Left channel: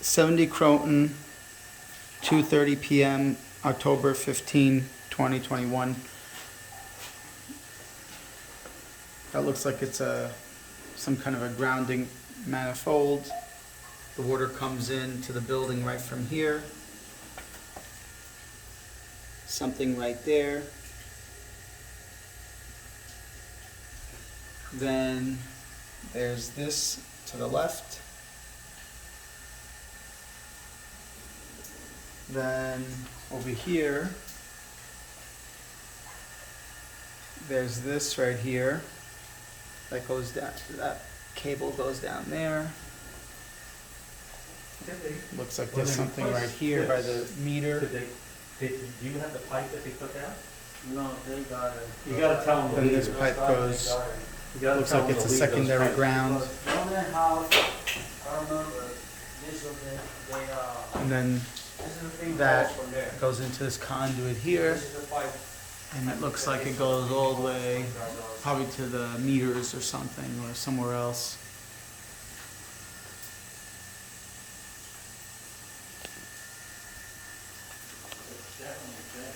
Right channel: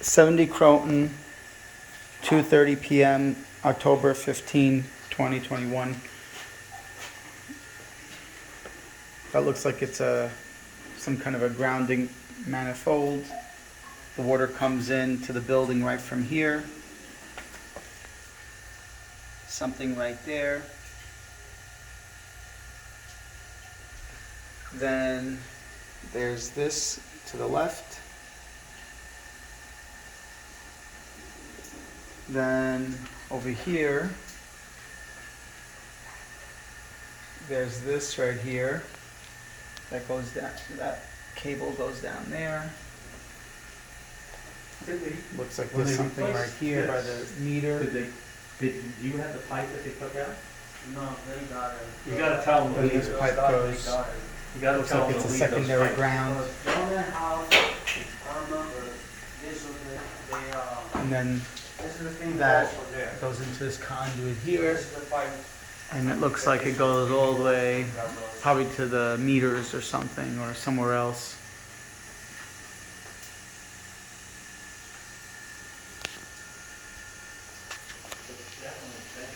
70 Croton, 2:30 PM, October 15, 2021. That looks like it's some kind of a grounding manifold. The water comes into the building right from here. Something right there. Then there's this to the left. Then over here, there's this right here that goes down, that cable goes down there. Looks like there's something right here by the meter. Did you have the pipe that they took out? No, they got it. You gotta tell them. Then this pipe goes, You gotta looks tell like them it's to a leave those secondary pipes. ground. One and a half, I remember, this was the, And then this is the thing that goes from there. goes into this conduit here. This is the pipe. And it looks like it goes all the way, probably to the meters or something, or somewhere else. It's definitely big.